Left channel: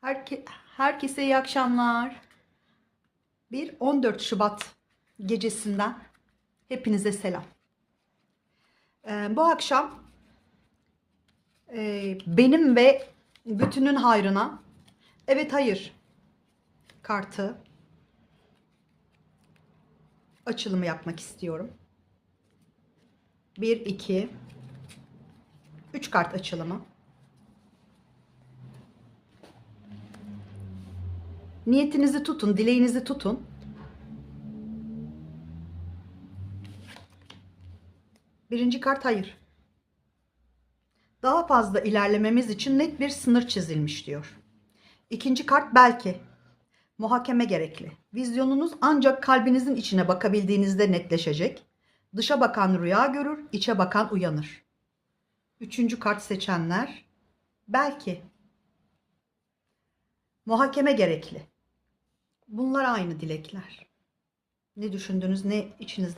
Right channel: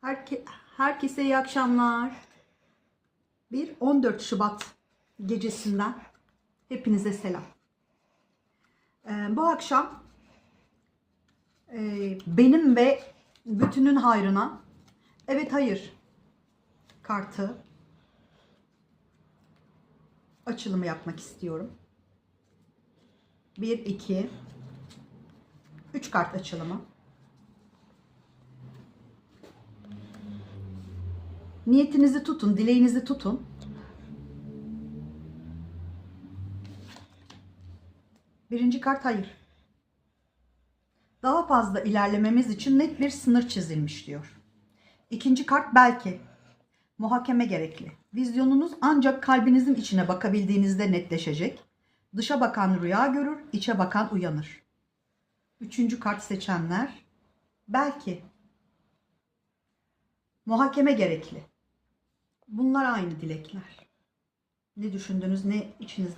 Herke, herkese iyi akşamlar. Bir 14 Şubat gecesinden hepinize selam. Ee, bu akşam e, benim ve bütünün hayrına evet hayır kartı açılımı yapmak istiyorum. 1 2 3 kart açılımı. Niyetinizi tutun, dileğinizi tutun. Birinci kart hayır. Daha fazla ilerlememiz için net bir sınır çizilmiş diyor. İkinci kart belki. Muhakeme gerekli. Vizyonunuz ancak kalbinizin içine bakabildiğinizde netleşecek. Dışa bakan rüya görür, içe bakan uyanır. Üçüncü kart seçenler belki. Muhakeme gerekli. Bunlar aynı dilekler. Ne düşündüğünüz, ne içinizden